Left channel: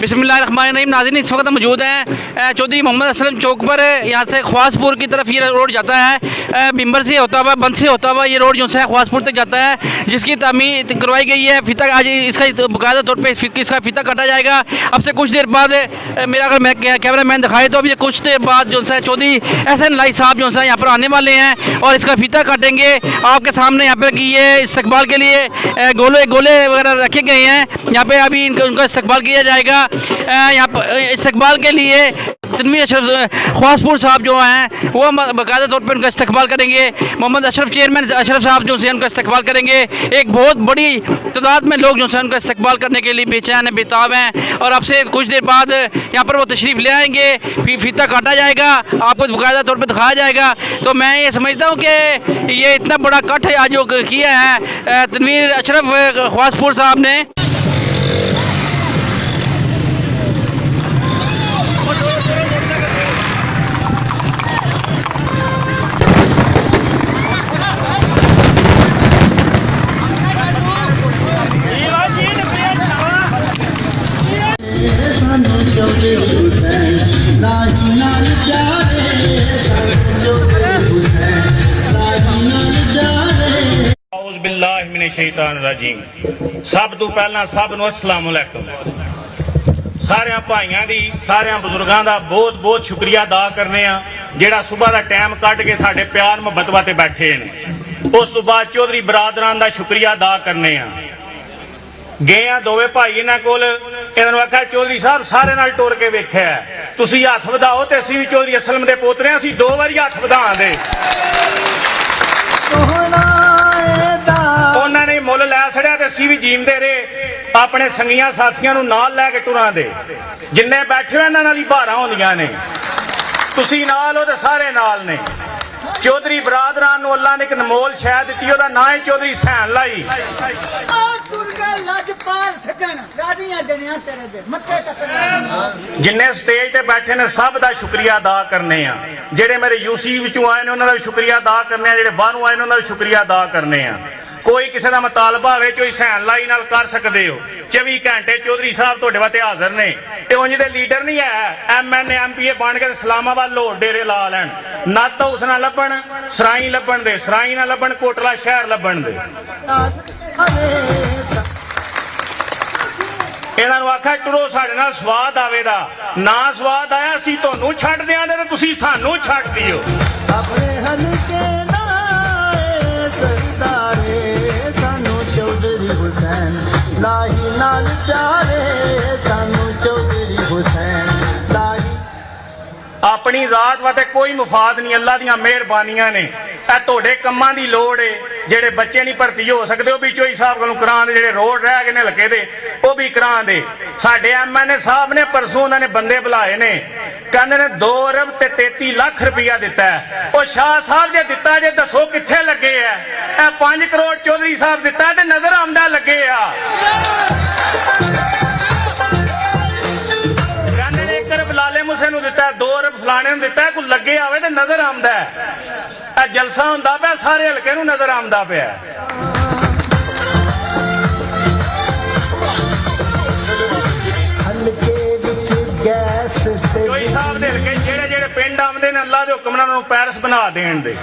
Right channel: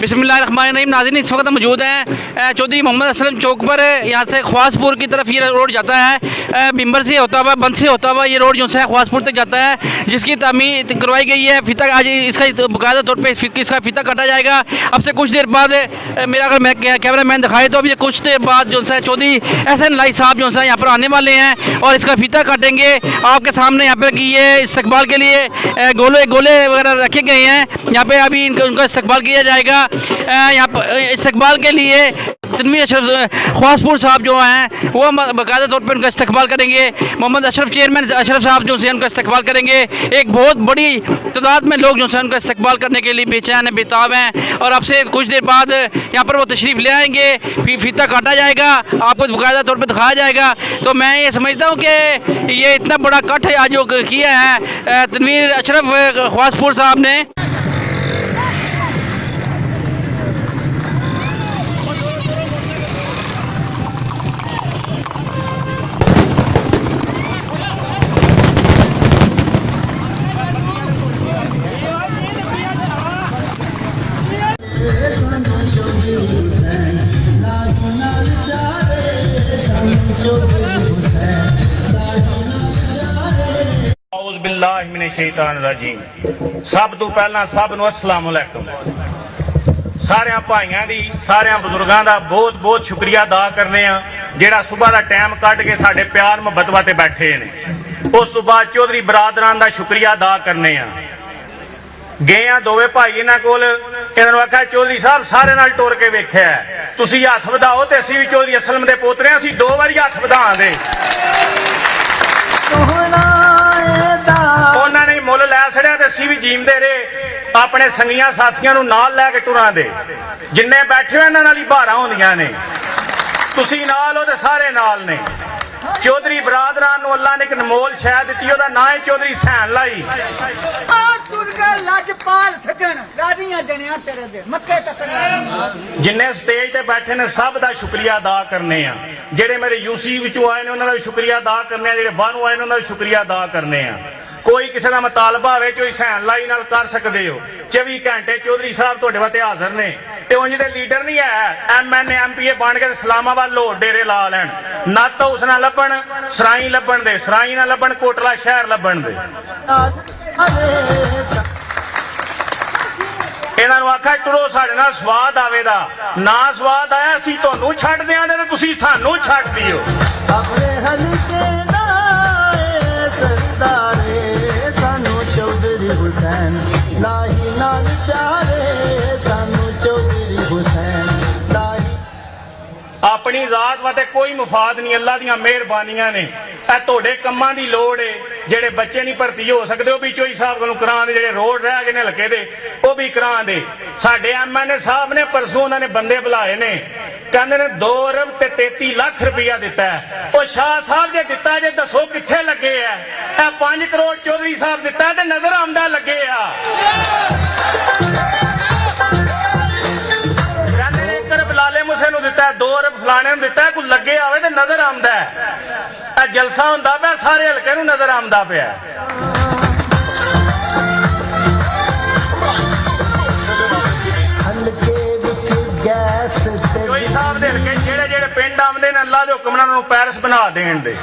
बिस्मिल्लाहिर्रहमानिर्रहीम। नाज़रीन, इस वक्त मौजूद हैं चौधरी मोहम्मद असलम चौक पर। यहाँ से ख्वासपुर की तरफ ये रोड जाता है, बिम्बर से होता हुआ, बंद से होता हुआ ये रोड जो है ख्वासपुर तक जाता है, जिसकी तामीर करवाई गई है। फीता आज इसका बाकायदा तौर पर इसका फीता काटा जाएगा। अब से कुछ देर बाद मेरा अगर मैं कैमरा मैन दिखाए तो अभी कुछ देर बाद जो है चौधरी एहसन लाई साहब जो है यहाँ पर आने वाले हैं और इसका फीता काटेंगे आपके सामने। यहाँ पर कि ये इस्तकबाल के लिए गोले वगैरह रखे गए हैं। यहाँ पे अभी उनका इस्तकबाल किया जाएगा। यहाँ पर इस्तकबाल के लिए तनवीर अशरफ ख्वासपुर साहब जो हैं वो बाकायदा तौर पर उनका इस्तकबाल करेंगे। मोहम्मद अशरफ चेयरमैन अशरफ साहब जो है उनका इस्तकबाल करेंगे। एक बहुत बड़ी तादाद में लोग जो है उनका इस्तकबाल करने के लिए बेचैन है, बेताब हैं। और अब से कुछ देर बाद यहाँ पर वो तशरीफ़ ले आएंगे, फीता काटा जाएगा, आपको बाकायदा तौर पर दिखाया जाएगा। तो मैं ये समझता हूँ कि ये इतना बड़ा कट आज जो किया है तनवीर अशरफ ख्वासपुर साहब ने। सब तो पहला सब नूं अस्सलाम अलैकुम। सारे भाइयों की सारे बुजुर्गों का बहुत बहुत शुक्रिया अदा करने जेड़ा सुबह का टाइम कट के साडे प्यार मुहब्बत वास्ते बैठे ने। उस तो बाद चौधरी बरादरान का शुक्रिया अदा करने गए दोवे भाई इन्हां कोल, इन्हां आख्या चौधरी साहब सारे नाल टुर के वेख्या तुसीं हथ वधाओ ते असीं भी चौधरी असलम दे पोतरे असीं 2 वारी हथ वधा दे। उन्होंने मुल लै छड़िया ते असीं भी जींदे रहे अपने संगियां साथियां नूं नाल लैके टुरां दे। जिन्ने बैठे इन्हां नाल ही बहारां होंदियां ने, तुसीं नाल हो ते सारे नाल ने। चौधरी बरादरान नूं अल्लाह ने एक अनमोल शै दित्ती, ओहदा नाम है चौधरी सैन लाई। जिन्ने स्टेज ते बैठे ने सब दा शुक्रिया अदा करने आ। जेड़े मेरे यूसी विचों आए ने उन्हां दा भी शुक्रिया अदा करने आ, जेड़े बाहरों आए ने उन्हां दा शुक्रिया अदा करने आ। कोई किसी का मुतालबा हो चौधरी सैन लाई नाल कर सकते हो। 24 घंटे चौधरी साहब तुहाडे वास्ते हाजिर ने। ते उंज दे लीडर नहीं है MNA MPA बन के इस्लामाबाद लोड डेरे ला लैन, नत्त हाउस ना लभण, सराई लभण दे, सराई ना लभण, कोटला शहर लभण दे। इन्हां नूं आख्या टुरो साडे नाल स्वाद आवेगा, ना स्वाद आया असीं तुहानूं छड्ड दिआंगे ते तुसीं सानूं छड्ड दिओ। अपनी जात वास्ते कोई मुफाद नहीं, अल्लाह दीआं मेहरबानियां ने। तुहाडे कम्मां दी लोड़ है, जेड़े बच्चे नहीं भर्ती हो सकते वो भी चौधरी साहब कोलों करां दे, जेड़े रोड रह गए ने हल्के दे वो भी करां दे। साडे MNA साहब ने परसों उन्होंने बंदे बुलाए ने, कहंदे ने 2 अरब ते 33 लाख रुपया दिता है। वो शाह साहब जे दिता जे दसो कित्थे लगे है? 5 करोड़ चौधरी साहब दिता ते नजर आंदा लगे आ। कहंदे 1 अरब लाले मुसे नूं दिता, 2 अरब फलाने नूं दिता, कोई लगे आवे ते नजर आंदा है। जलसा हुंदा पिया, सारे हल्के नूं नजर आंदा पिया। चौधरी साहब दे हल्के जेड़े जेड़े पिंड आउंदे ने अल्लाह दे हुक्म नाल उन्हां नूं पैरिस बना देण दे।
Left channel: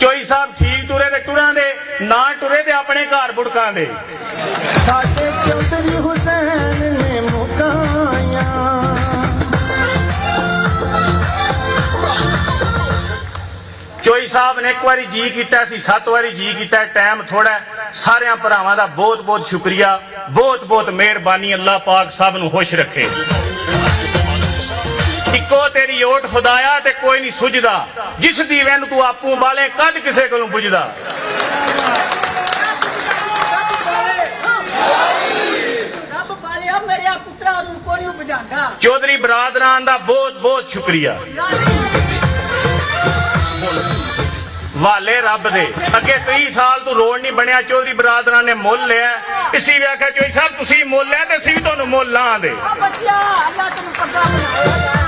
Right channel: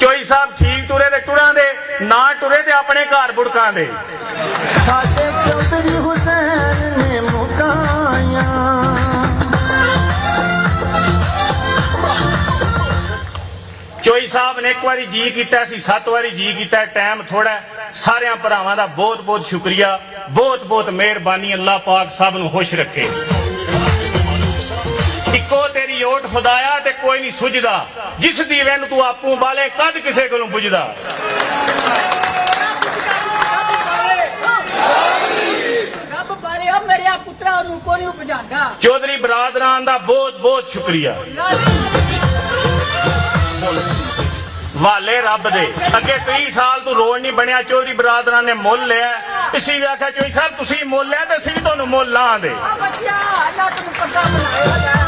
चौधरी साहब ठीक टुरे ते टुरां दे, ना टुरे ते अपने घर बुड़कां दे। साडे चौधरी हुसैन ने मुकाया, चौधरी साहब ने 1 बारी जी किया, 7 बारी जी किया, टाइम थोड़ा। सारे भरावां दा बहुत बहुत शुक्रिया, बहुत बहुत मेहरबानी। अल्लाह पाक सब नूं खुश रखे। इको तेरी ओट खुदाया ते कोई नहीं सुझदा, जिस दीवे नूं तू आपू बाले कद किसे कोलों बुझदा। चौधरी बरादरान दा बहुत बहुत शुक्रिया। वाले रब दे अगे 30 साल तो रोड नहीं बनया, चौधरी बरादरान ने मुल लिया। इसी ने आख्या चौधरी साहब तुसीं मुल लिया ते असीं भी तुहानूं मुल लांगे।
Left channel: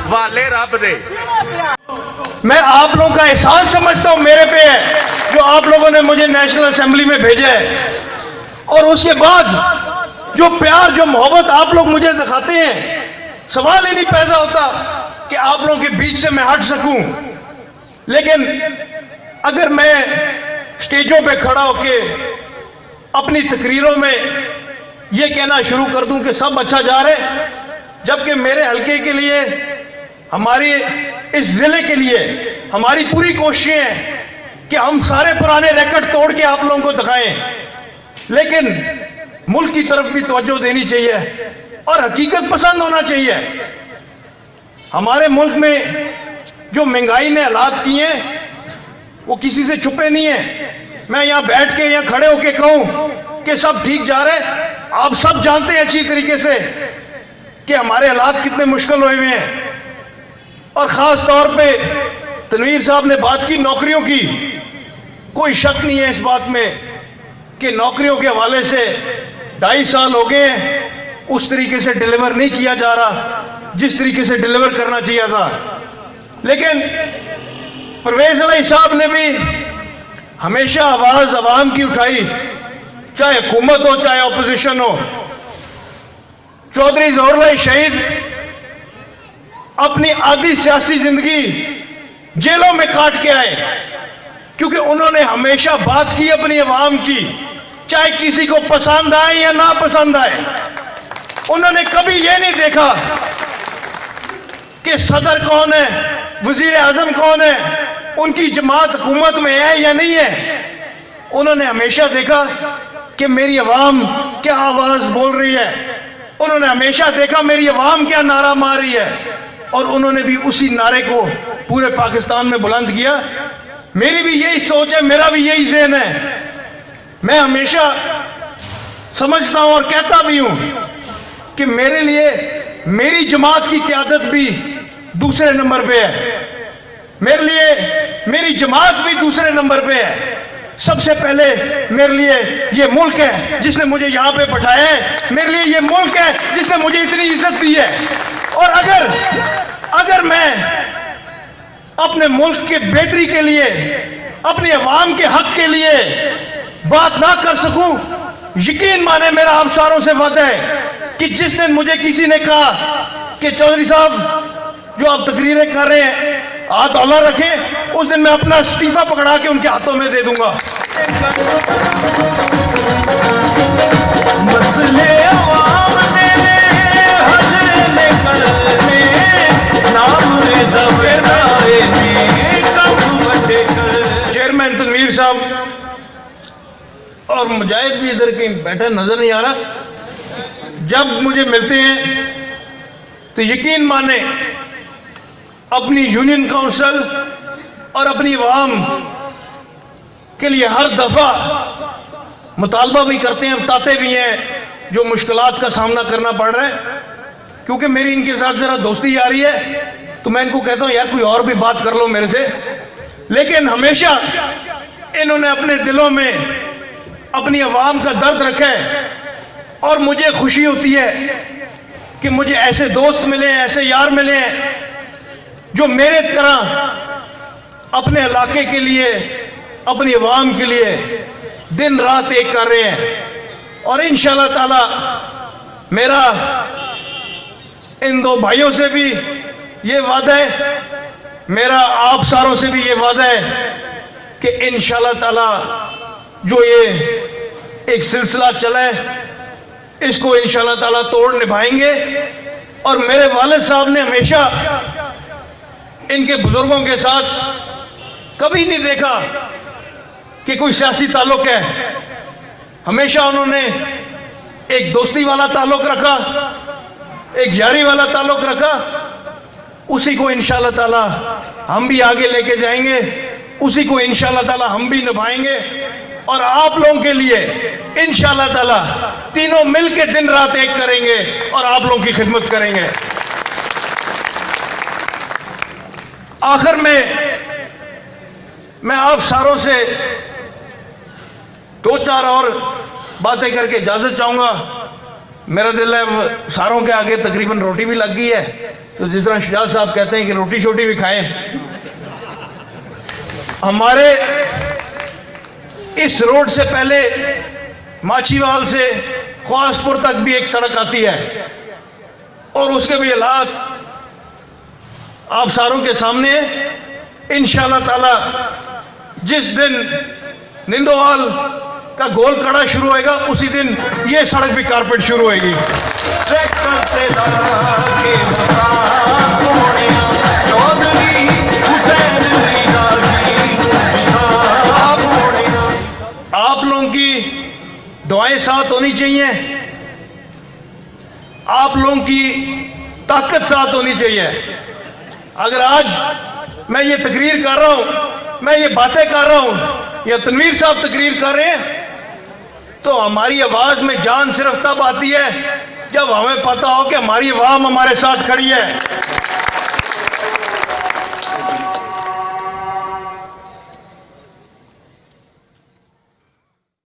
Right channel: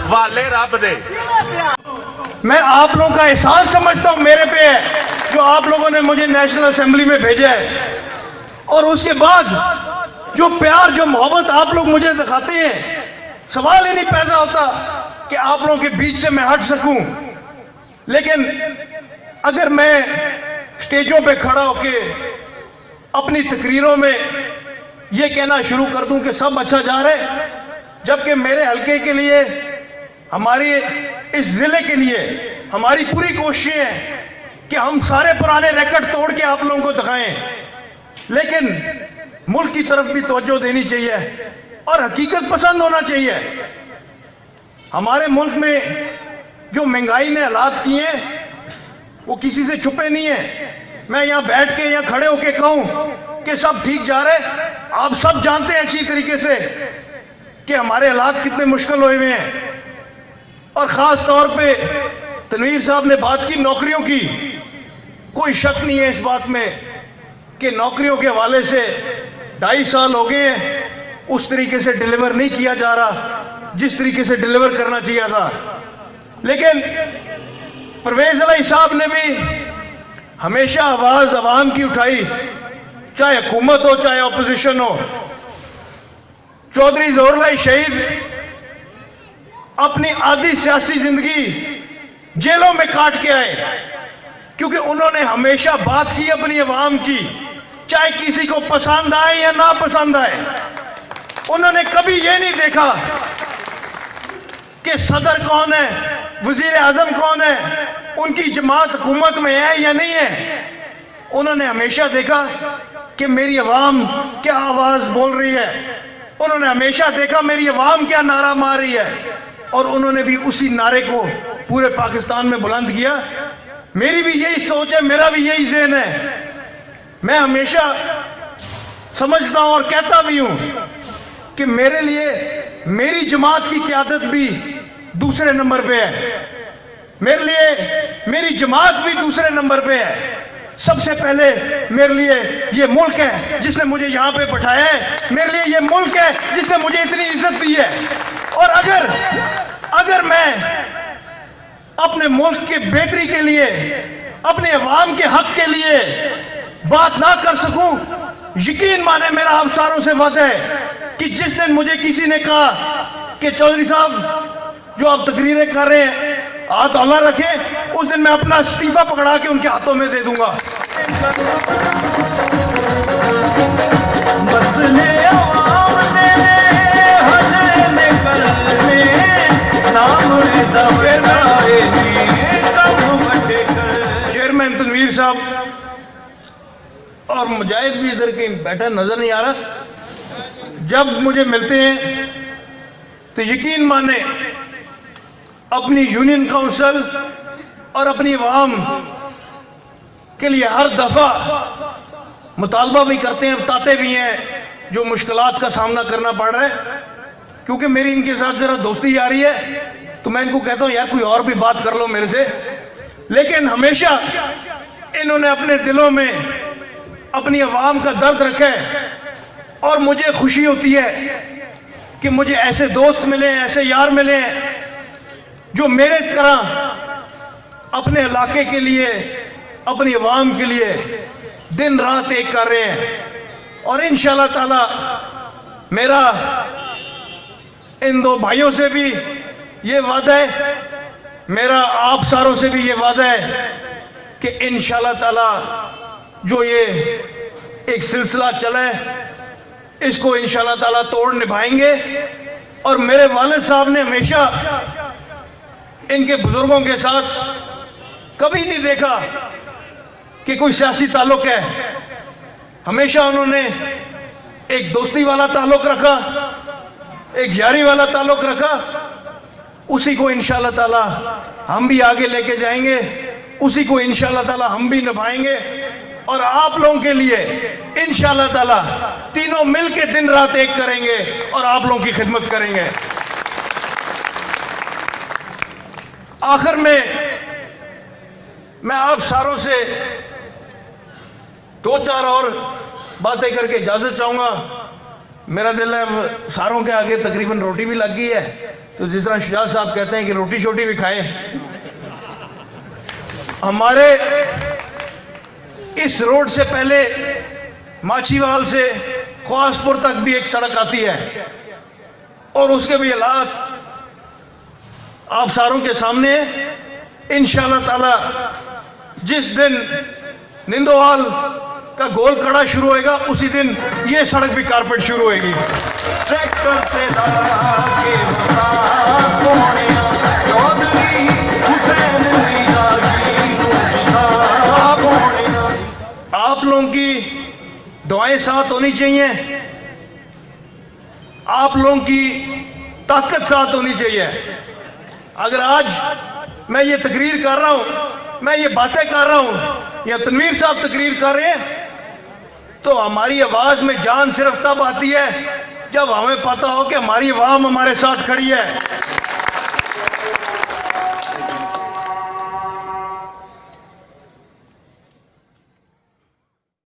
वाले रब दे मैं आप लोगों का एहसान समझता हूं मेरे पे है जो आप लोगों ने मुझे नेशनल असेंबली में भेजा है। और उसके बाद जो प्यार जो मोहब्बत आप लोग मुझे दिखाते हैं सवाल ही नहीं पैदा होता कि आप लोगों के बीच से मैं हट सकूं। लेकिन अगर मैं स्टेजों पे खड़ा होके अपनी तकरीरों में ये कहना शुरू कर दूं कि सब अच्छा जा रहा है, जबकि मेरे हलके के लिए, हमारे इस जिले के लिए हमारी पूरी कोशिशें हैं कि हम सारे पुराने रिकॉर्ड तोड़ के आप लोगों को दिखाएं, लेकिन मुल्क की तरफ भी तवज्जो देनी चाहिए और हकीकत पसंद होना चाहिए। हमारे मुल्क में जो महंगाई ने हालात किए हैं वो किसी से छुपे नहीं है। मैं यहाँ बैठ के, यहाँ खड़े होके कहूँ कि सब ठीक जा रहा है, आप सब जानते हैं अच्छी तरीके से कि हमारे हालात कितने मुश्किल हुए हुए हैं। और खास तौर पे तनवीर साहब ने बात की नौकरियों की, कोई शक नहीं है इस बात में कि नौकरियों के हवाले से 2.5 साल हो गए हैं, उस तरीके से डिलीवर नहीं किया जा रहा जिस तरीके से डिलीवर करना चाहिए था। लेकिन परवेज इलाही साहब ने भी हमेशा आवाज अवाम की उठाई, चाहे हुकूमत हो चाहे अपोजिशन हो। चौधरी ज़ोहर शहीद अपनी आधी सियासी जिंदगी जेलों में काट के आए, क्योंकि उन्होंने हमेशा बात की अपनी अवाम की, चाहे किसी को पसंद आए या ना पसंद आए। उन्होंने कभी ये नहीं देखा कि सदर कौन है, वजीर आजम कौन है, उनकी जमात हुकूमत में है या नहीं है। उन्होंने हमेशा देखा कि मेरी अवाम क्या आवाज बोल रही है, उन्होंने हमेशा देखा मेरी अवाम क्या नारा मार रही है, और उन्होंने भी उसी नारे को पूरे पाकिस्तान में बुलंद किया। मेरी भी यही सोच है, मेरा भी यही ज़हन है। मैं हमेशा समझता हूं और कहता भी हूं कि मेरे लिए मेरी जमात की क़यादत भी दूसरे नंबर पे है, मेरे लिए मेरी जमात भी दूसरे नंबर पे है। सबसे पहले मेरे लिए ये मुल्क है जिसने मुझे यहाँ पे बैठाया है, मेरे लिए ये मुल्क है जिसने मुझे इतनी इज्जत दी है। और अगर मैं अपने मुल्क के बेहतरी के लिए, अपने अवाम के हक के लिए बात ना कर सकूं, यकीन माने मेरा आप सारों से वादा है कि जिस दिन मुझे किसी ने कहा कि चौधरी साहब जो आप तकरीरें कर रहे हैं हाथ हौला रखें, उस दिन मैं अपना इस्तीफा पकड़ा के उनके हाथों में दे दूंगा। चेयरमैन तनवीर साहब और मुजाहिद भी इधर कहीं बैठे नजर नहीं आ रहा, जब मुझे मिलते हैं तो यकीन माने अपनी यूनियन काउंसिल और अपनी अवाम के लिए हर दफा मुतालबा भी करते हैं, बताते भी हैं जो मुश्किलात का सामना करना पड़ रहा है। क्योंकि मेरी इनके साथ जरा दोस्ती यारी है तो मैं इनको कहता हूं यार कोई और भी बात कर लो मेरे से, लेकिन हमेशा इन्होंने अपने दिलों में अपनी अवाम का दर्द रखा है। और मुझे खुशी होती है कि मुझे ऐसे दोस्त मिले, ऐसे यार मिले जो मेरे तरह अपने इलाके के लिए, अपनी अवाम के लिए दिन रात एक कर रहे हैं। और इंशाअल्लाह ताला मेरा इन दो भाइयों से भी ये वादा है, मेरा आप सारों से भी ये वादा है कि इंशाअल्लाह ताला जो ये एक सिलसिला चला है इसको इंशाअल्लाह ताला तोड़ निभाएंगे। और मेरे वालिद साहब ने हमेशा इनके बुजुर्गों के साथ कभी नहीं देखा कि कोई सियासी ताल्लुक है, हमेशा उन्होंने एक दोस्ती वाला ताल्लुक रखा, एक यारी वाला ताल्लुक रखा। उसी को इंशाअल्लाह ताला हम भी आगे लेके जाएंगे, उसी को इंशाअल्लाह ताला हम भी निभाएंगे। और आप लोगों के लिए इंशाअल्लाह ताला तीनों मिलके दिन रात एक करेंगे और आप लोगों की खिदमत करेंगे। आखिर में मैं आप सारों से 2-4 और बातें करके इजाजत चाहूंगा। मेरा दिल है सारों के आगे तकरीबन रोटी भी लग गई है, तो जिस तरह शाह साहब कहते हैं कि रोटी छोटी भी खाएं। हमारे इस रोड से पहले माछीवाल से ख्वासपुर तक भी एक सड़क आती है, और उसके भी हालात आप सारों के सामने इंशाअल्लाह ताला जिस दिन निंदोवाल का गोल कड़ा शुरू होएगा उसी दिन ये सड़क भी कारपेट शुरू होएगी। आप लोगों की दुआएं साथ होनी चाहिए, आप लोगों की ताकत साथ होनी चाहिए। अगर आज मैं ये तकरीर कर रहा हूं, मैं ये बातें कर रहा हूं, या तनवीर साहब तकरीर कर रहे हैं, तो हमारी आवाज में जान सिर्फ तब आती है जब हमें पता हो कि हमारी आवाम हमारे साथ खड़ी है।